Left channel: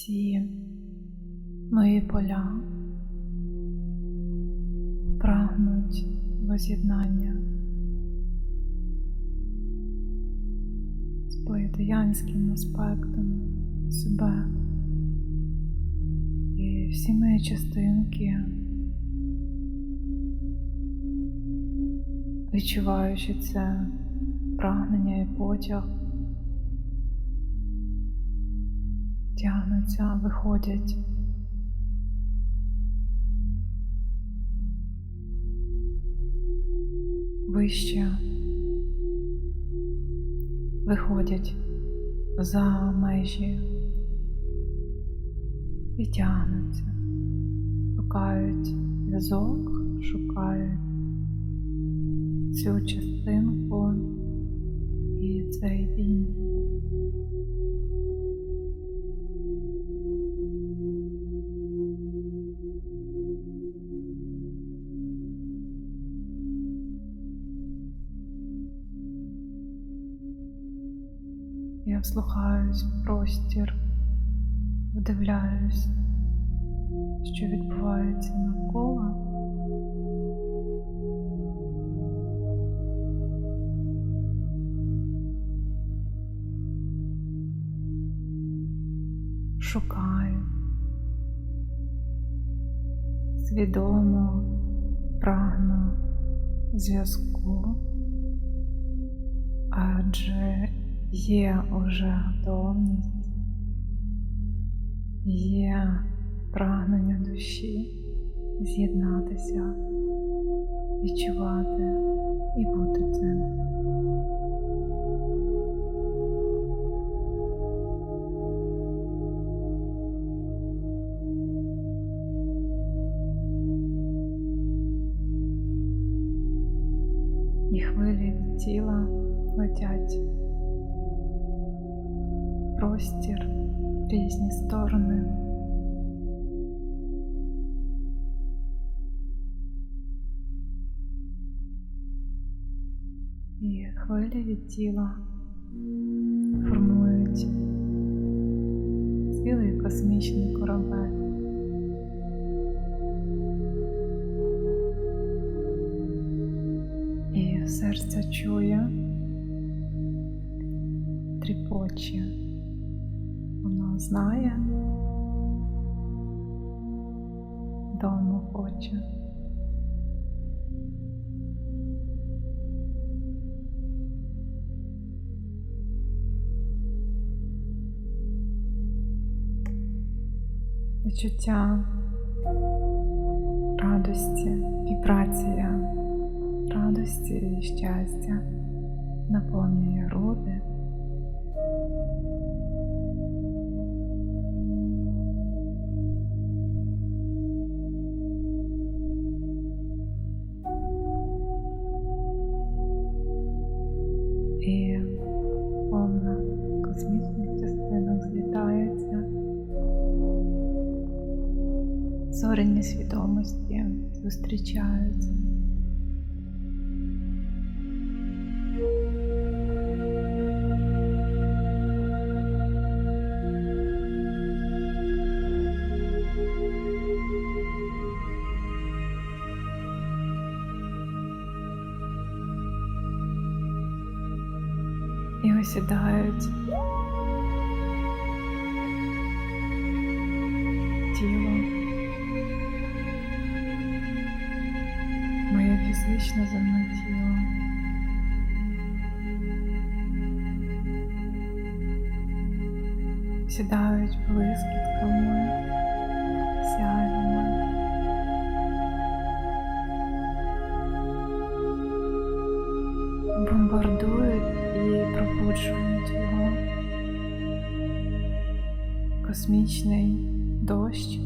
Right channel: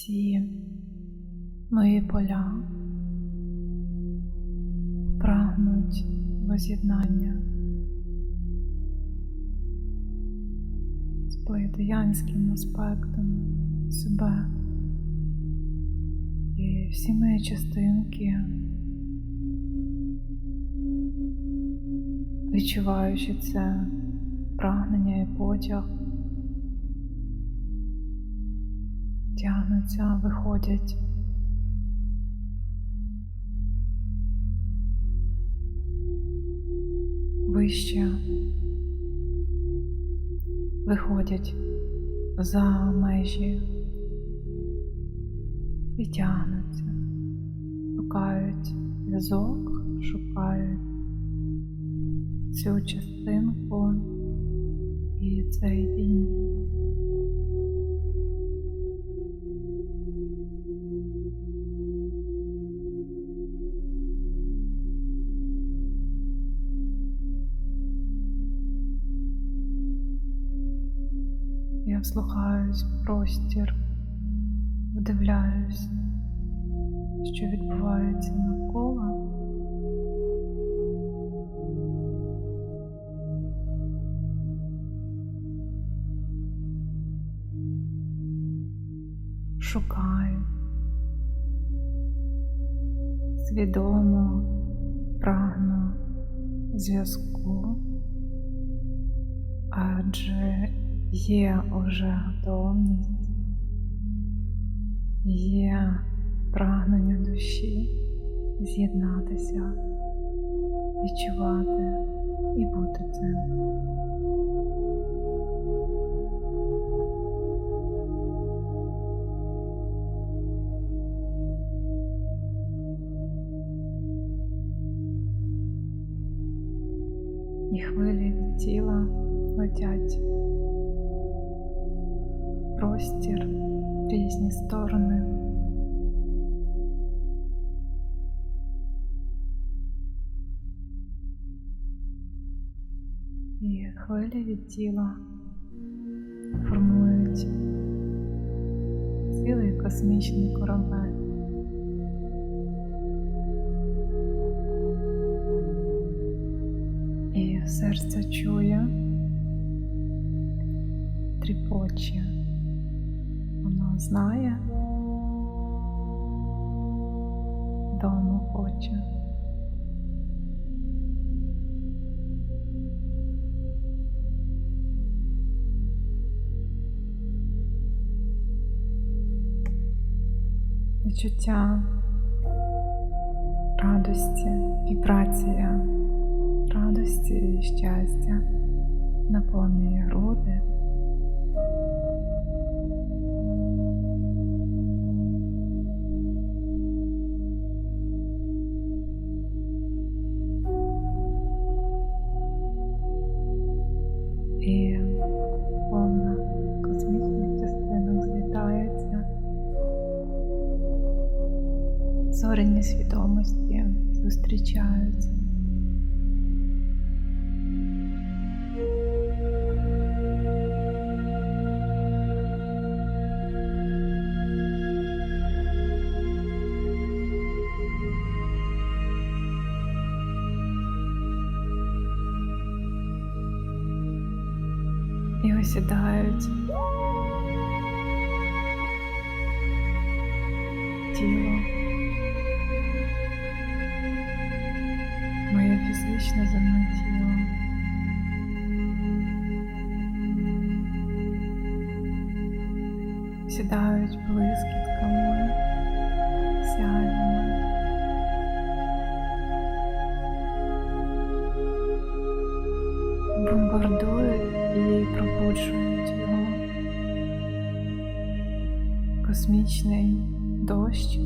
Всі мої поля прагнуть воз'єднання з плейтеянським аспектом себе і всі мої частинки, відчуваючи це прагнення і потяг. Тягнуться, виходять. Вище виходять за межі і тягнуться, шукають зв'язок, шукають цю частинку і цей дім. Я вслухаюсь в простір, вдивляюсь, що відбувається навколо. Шукаю свідомо прагну зв'язку, адже є уже готовність, є прагнення душі з'єднатися, відчувати і бути цим. І хвилі тіла летять простір різні сторони. І хвилі від тіла формують цілий космічний корабель. І серце чує, тріпоче. Воно знає, дому хоче. Відчуття радості, вібрація радості і щастя наповнює груди. Зорені свідомості зустрічаються. І осідають тіло, моє фізичне земне тіло. Сідають блискітками, сяйвами. Бомбардують і пробуджують його космічний дощ.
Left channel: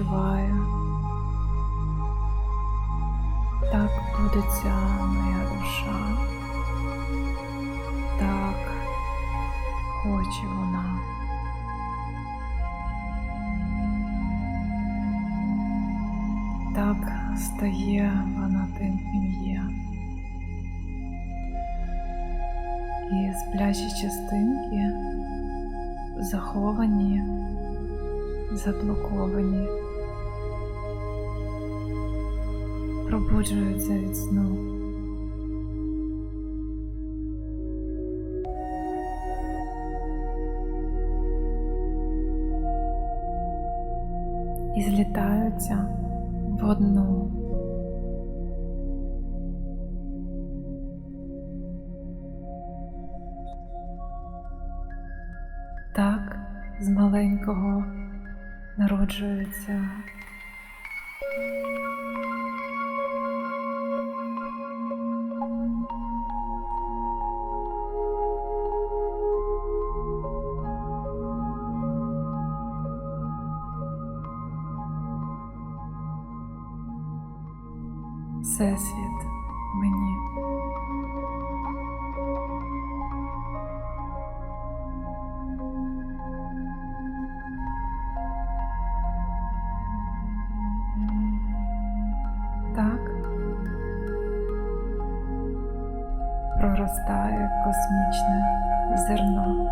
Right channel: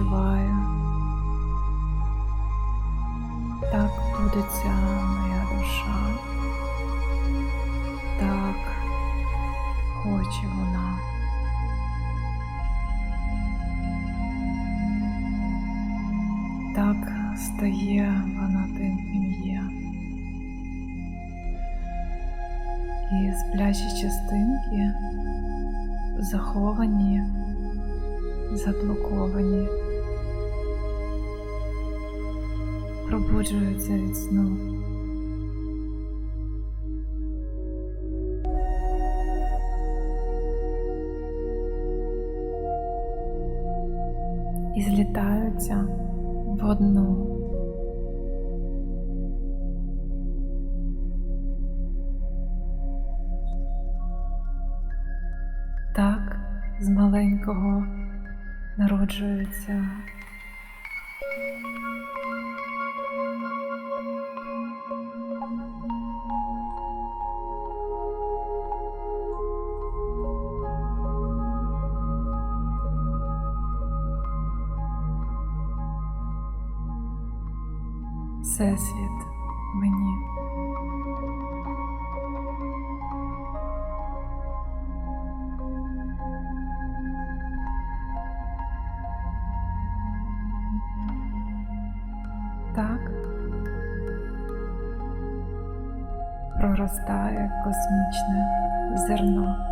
Відчуваю. Так будеться моя душа. Так хоче вона. Так стає вона тим, є. І сплячі частинки заховані, заблоковані, пробуджуються від сну. І злітаються в одну. Так з маленького народжується Всесвіт мені. Так проростає космічне зерно.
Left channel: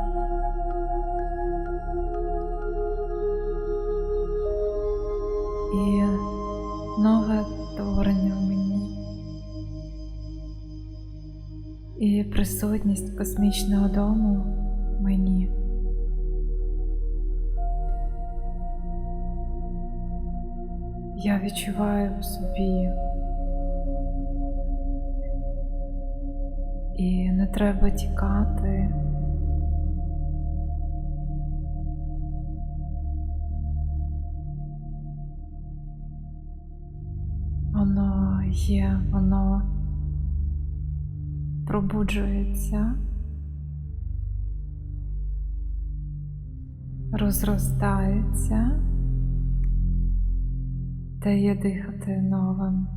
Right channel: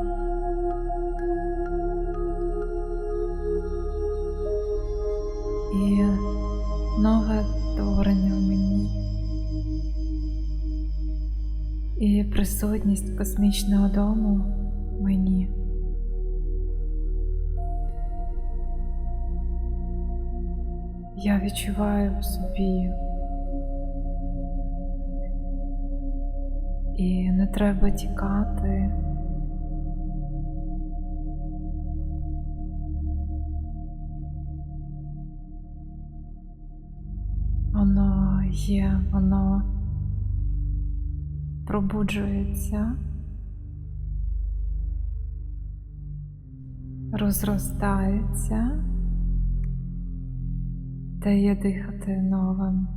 І нове творення присутність космічного дому мені. Я відчуваю в собі. І не треба тікати. Воно є, воно пробуджується, розростається, дає дихати новим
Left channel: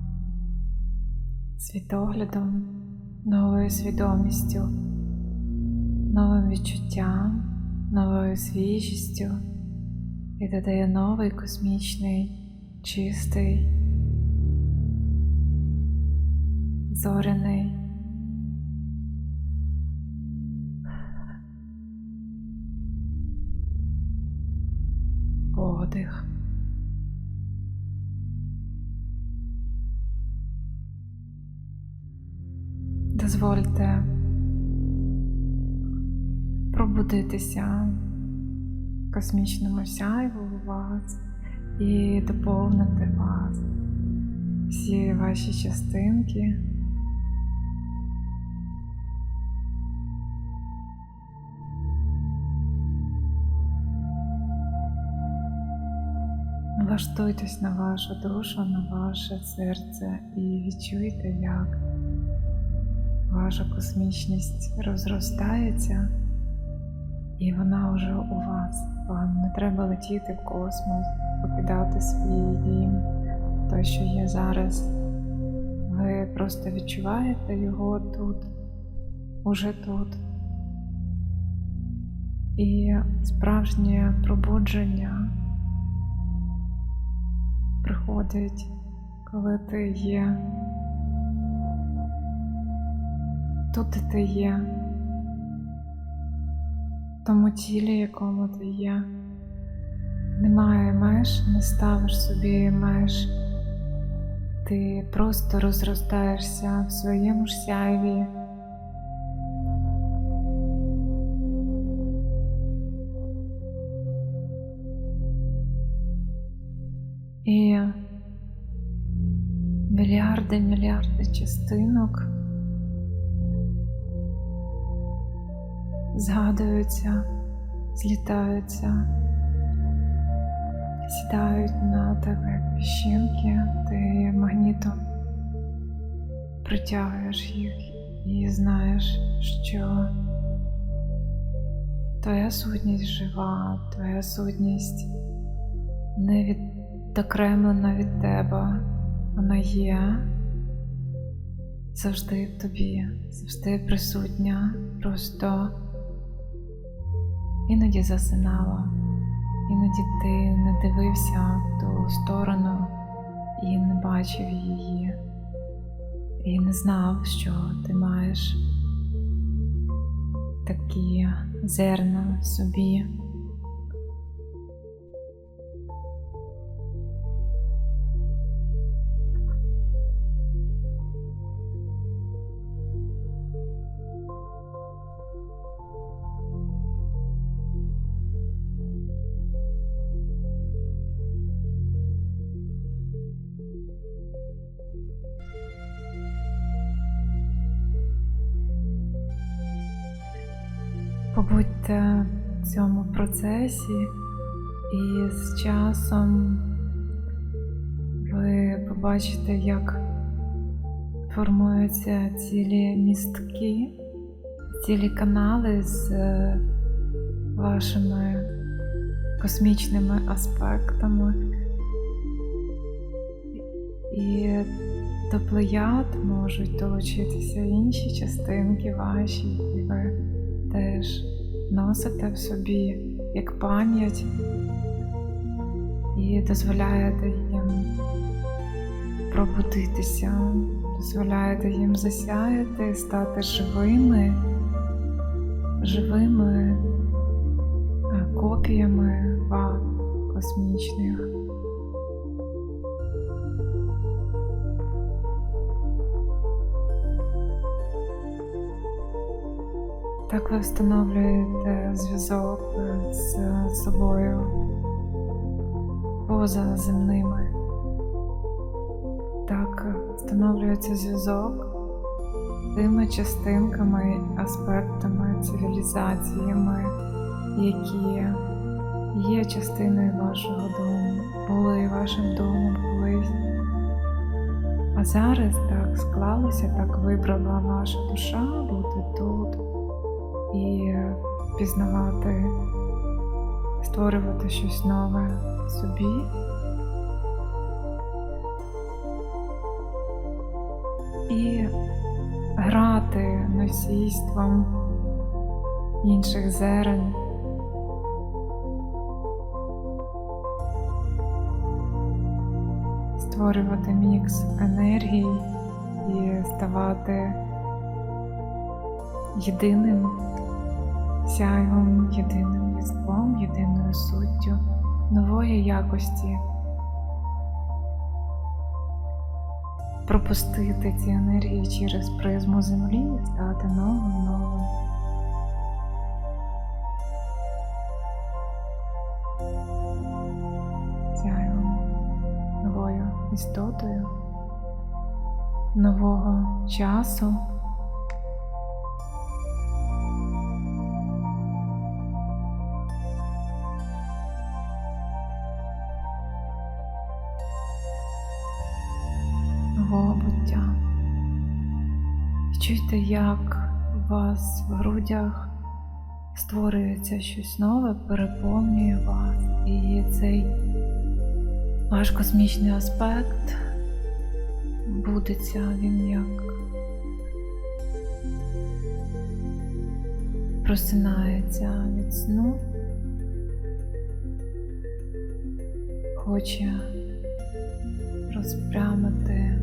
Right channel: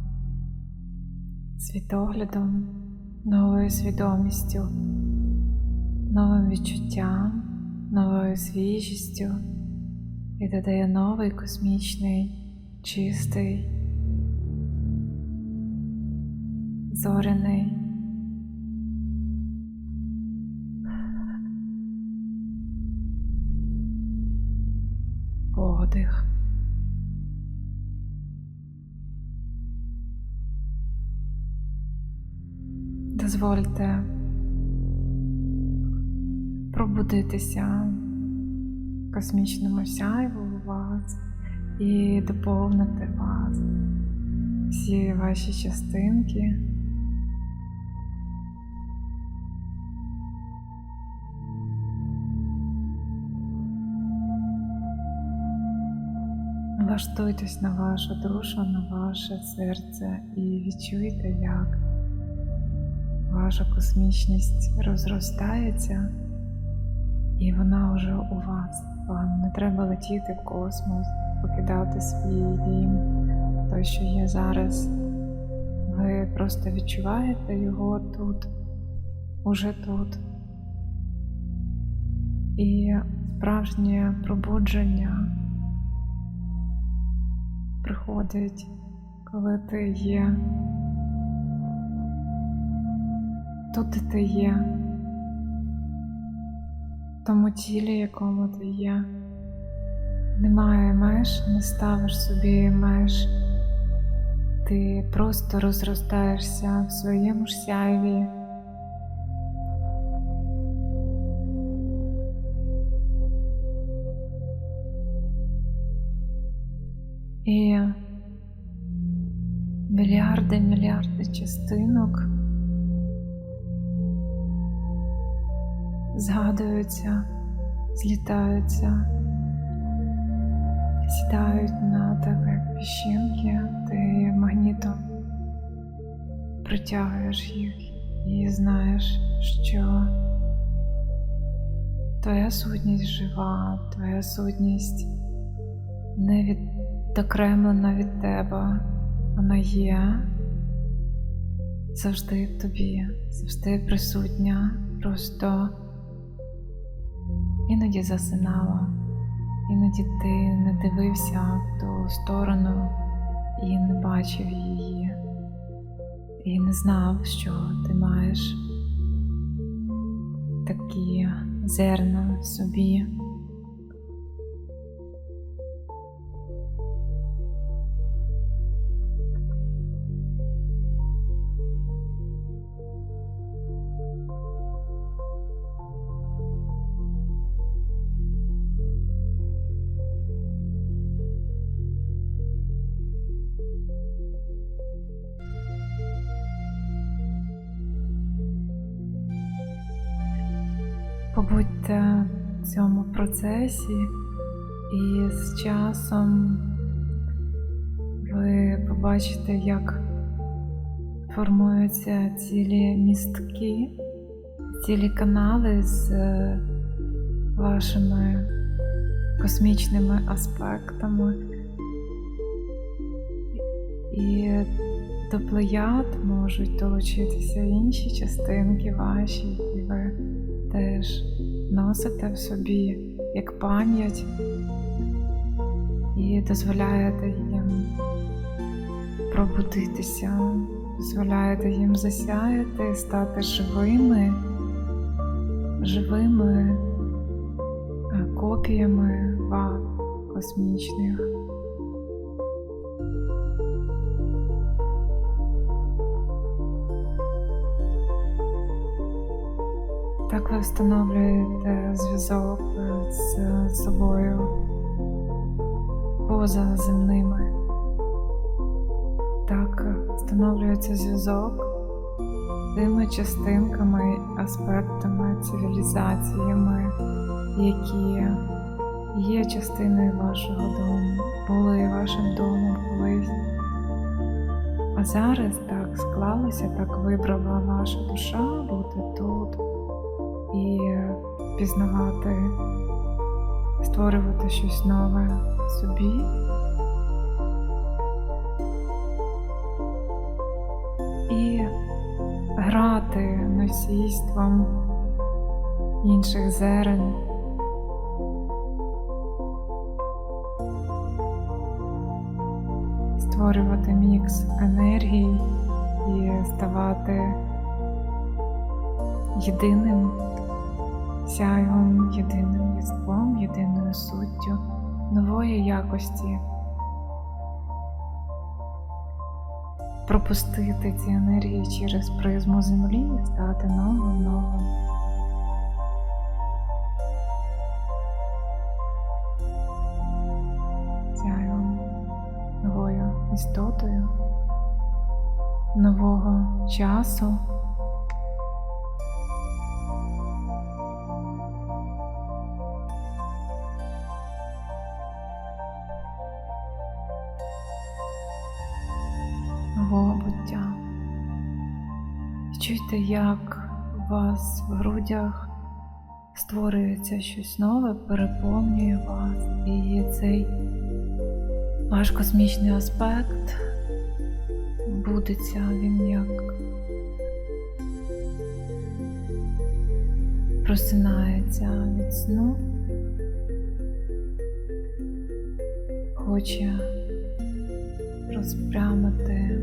світоглядом, новою свідомістю, новим відчуттям, новою свіжістю і додає новий космічний, чистий. зоряний. Дозвольте пробудитися космічному сяйву у вас і доповнити вас всі ваші частинки. Налаштуйтесь на вашу душу, на ваше серце і відчуйте, як ваша космічність розростається, і вона вже у вас. Вам не треба летіти в космос, покидати свій дім, той, що є зараз. Ви просто відчуваєте його тут, уже тут. І справжнє пробудження приходить, коли ти є тут, ти є, в тому тілі, якому ти є. Немає меж, не ставиш собі меж. Ти просто розростаєшся в своєму ж сяйві. І мільярди мільярди частинок згадуються, злітаються, сідають на тебе як піщинки, ти магнітом притягуєш їх і знаєш, що твоя сутність жива, твоя сутність не відокремлена від тебе. Вона є завжди в тобі, завжди присутня, просто іноді засинала, іноді ти не дивився в ту сторону і не бачив її, і не знав, що ти маєш такі зерна в собі. Побудьте в цьому процесі, і з часом ви побачите, як формуються цілі містки, цілі канали з е, вашими космічними аспектами. І до плеяд можуть долучитися інші частинки ваші, і ви теж носите в собі як пам'ять і дозволяєте їм пробудитися, дозволяєте їм засяяти, стати живими, живими е, копіями вас космічних. Так ви встановлюєте зв'язок з собою поза земними. Так встановлюється зв'язок з тими частинками, аспектами, цивілізаціями, які є частиною вашого дому, були вашим домом колись. А зараз так склалося, так вибрала ваша душа бути тут і пізнавати, створювати щось нове собі. І грати носійством інших зерен. Створювати мікс енергій і ставати єдиним сяйвом, єдиним єством, єдиною суттю нової якості. Пропустити ці енергії через призму землі і стати новим новим. Сяйвом новою істотою, нового часу. Нового буття. Чуйте, як у вас в грудях створюється щось нове, переповнює вас, і цей ваш космічний аспект будеться, він як просинається від сну, хоче розпрямити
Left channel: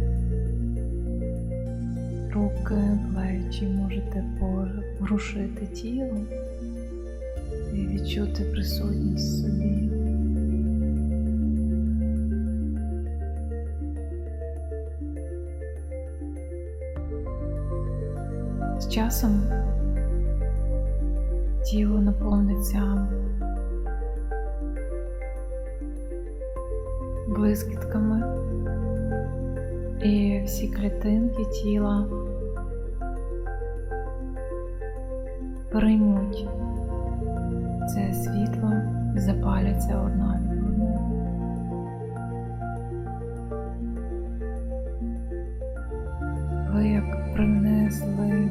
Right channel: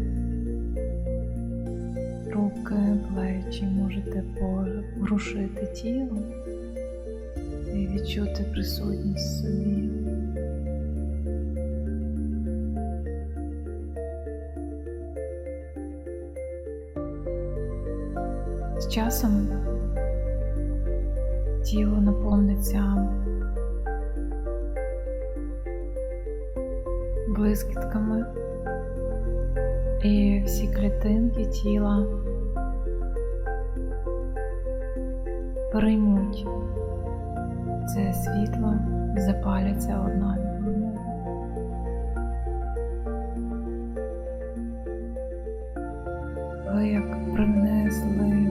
руки, плечі, можете порушити тіло і відчути присутність собі. З часом тіло наповниться блискітками і всі клітинки тіла приймуть це світло і запаляться одна від одної. Ви як принесли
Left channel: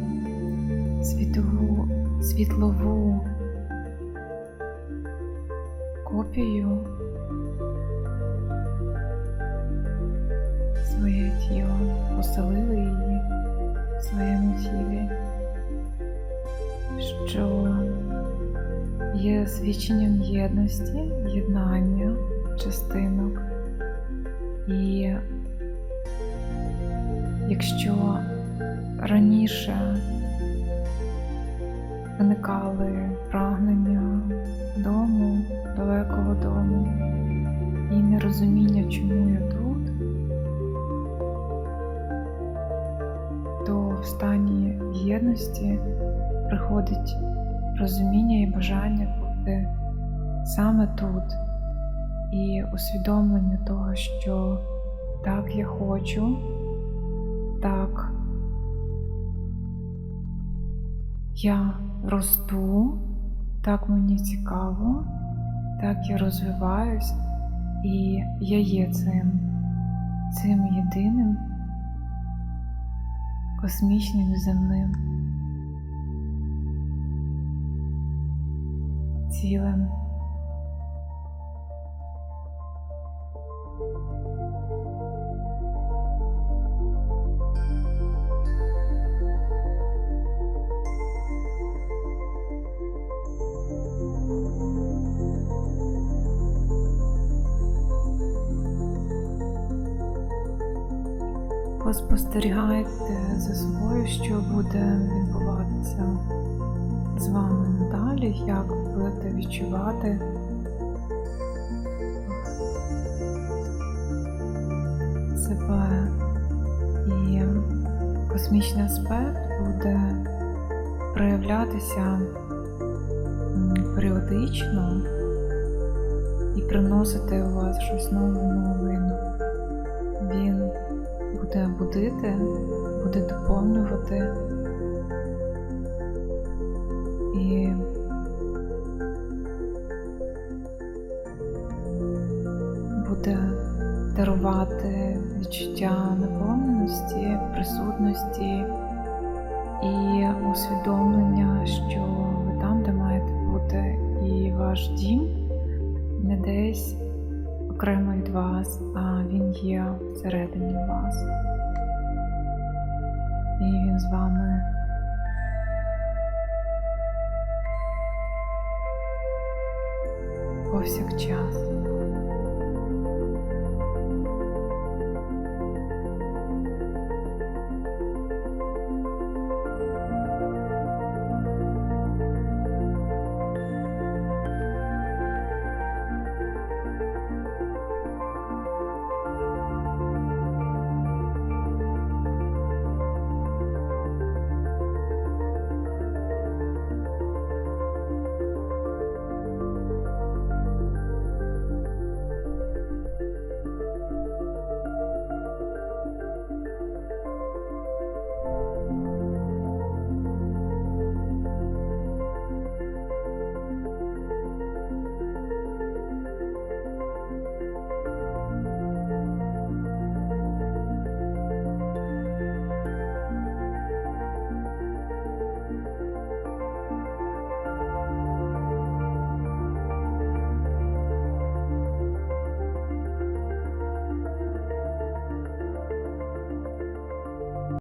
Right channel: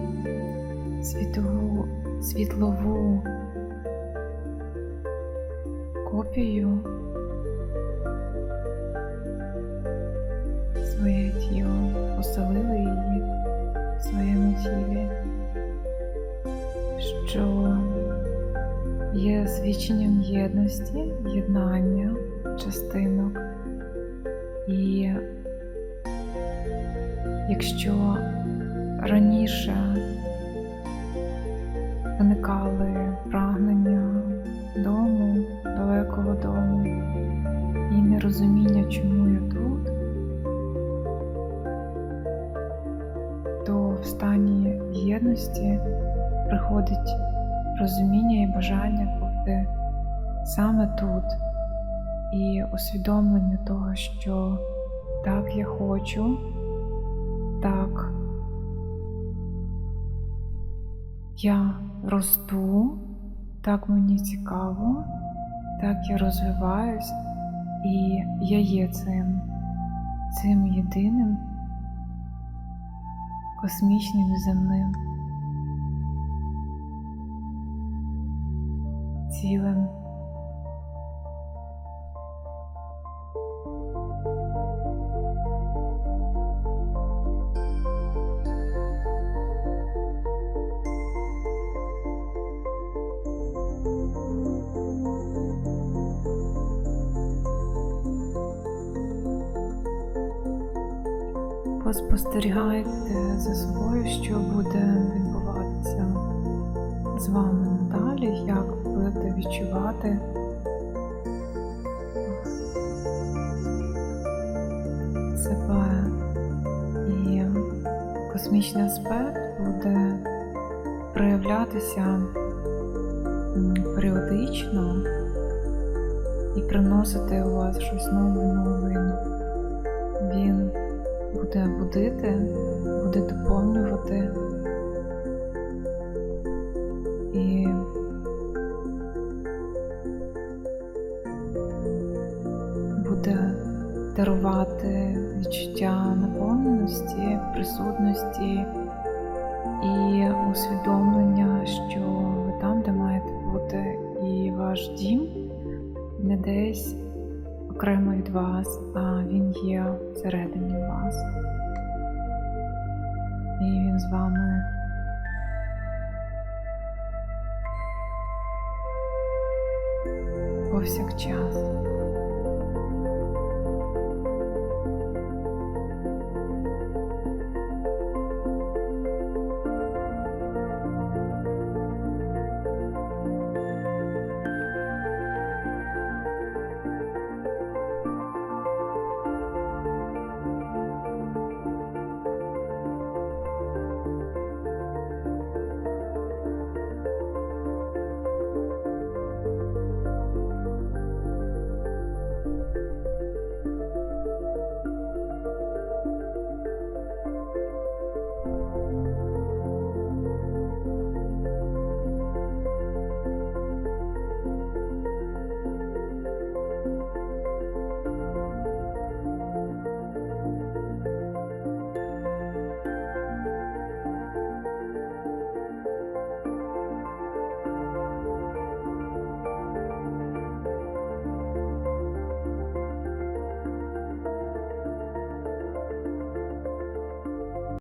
світову, світлову копію своє тіло, поселили її в своєму тілі, що є свідченням єдності, єднання частинок. І якщо раніше виникали прагнення дому, далекого дому і нерозуміння, чому я тут, то в стані єдності приходить розуміння і бажання бути саме тут, і усвідомлення того, що так я хочу, так я росту, так мені цікаво, так я розвиваюсь, і я є цим, цим єдиним космічним земним цілим. Поспостерігайте за собою, що буде відбуватися з вами надалі, як будете відчувати себе і космічний аспект буде проявлятися періодично і приносити у вас щось нове нове. Він буде будити, буде доповнювати. І буде дарувати відчуття наповненості, присутності і усвідомлення, що ви там, де маєте бути, і ваш дім не десь окремо від вас, а він є всередині вас. І він з вами повсякчас.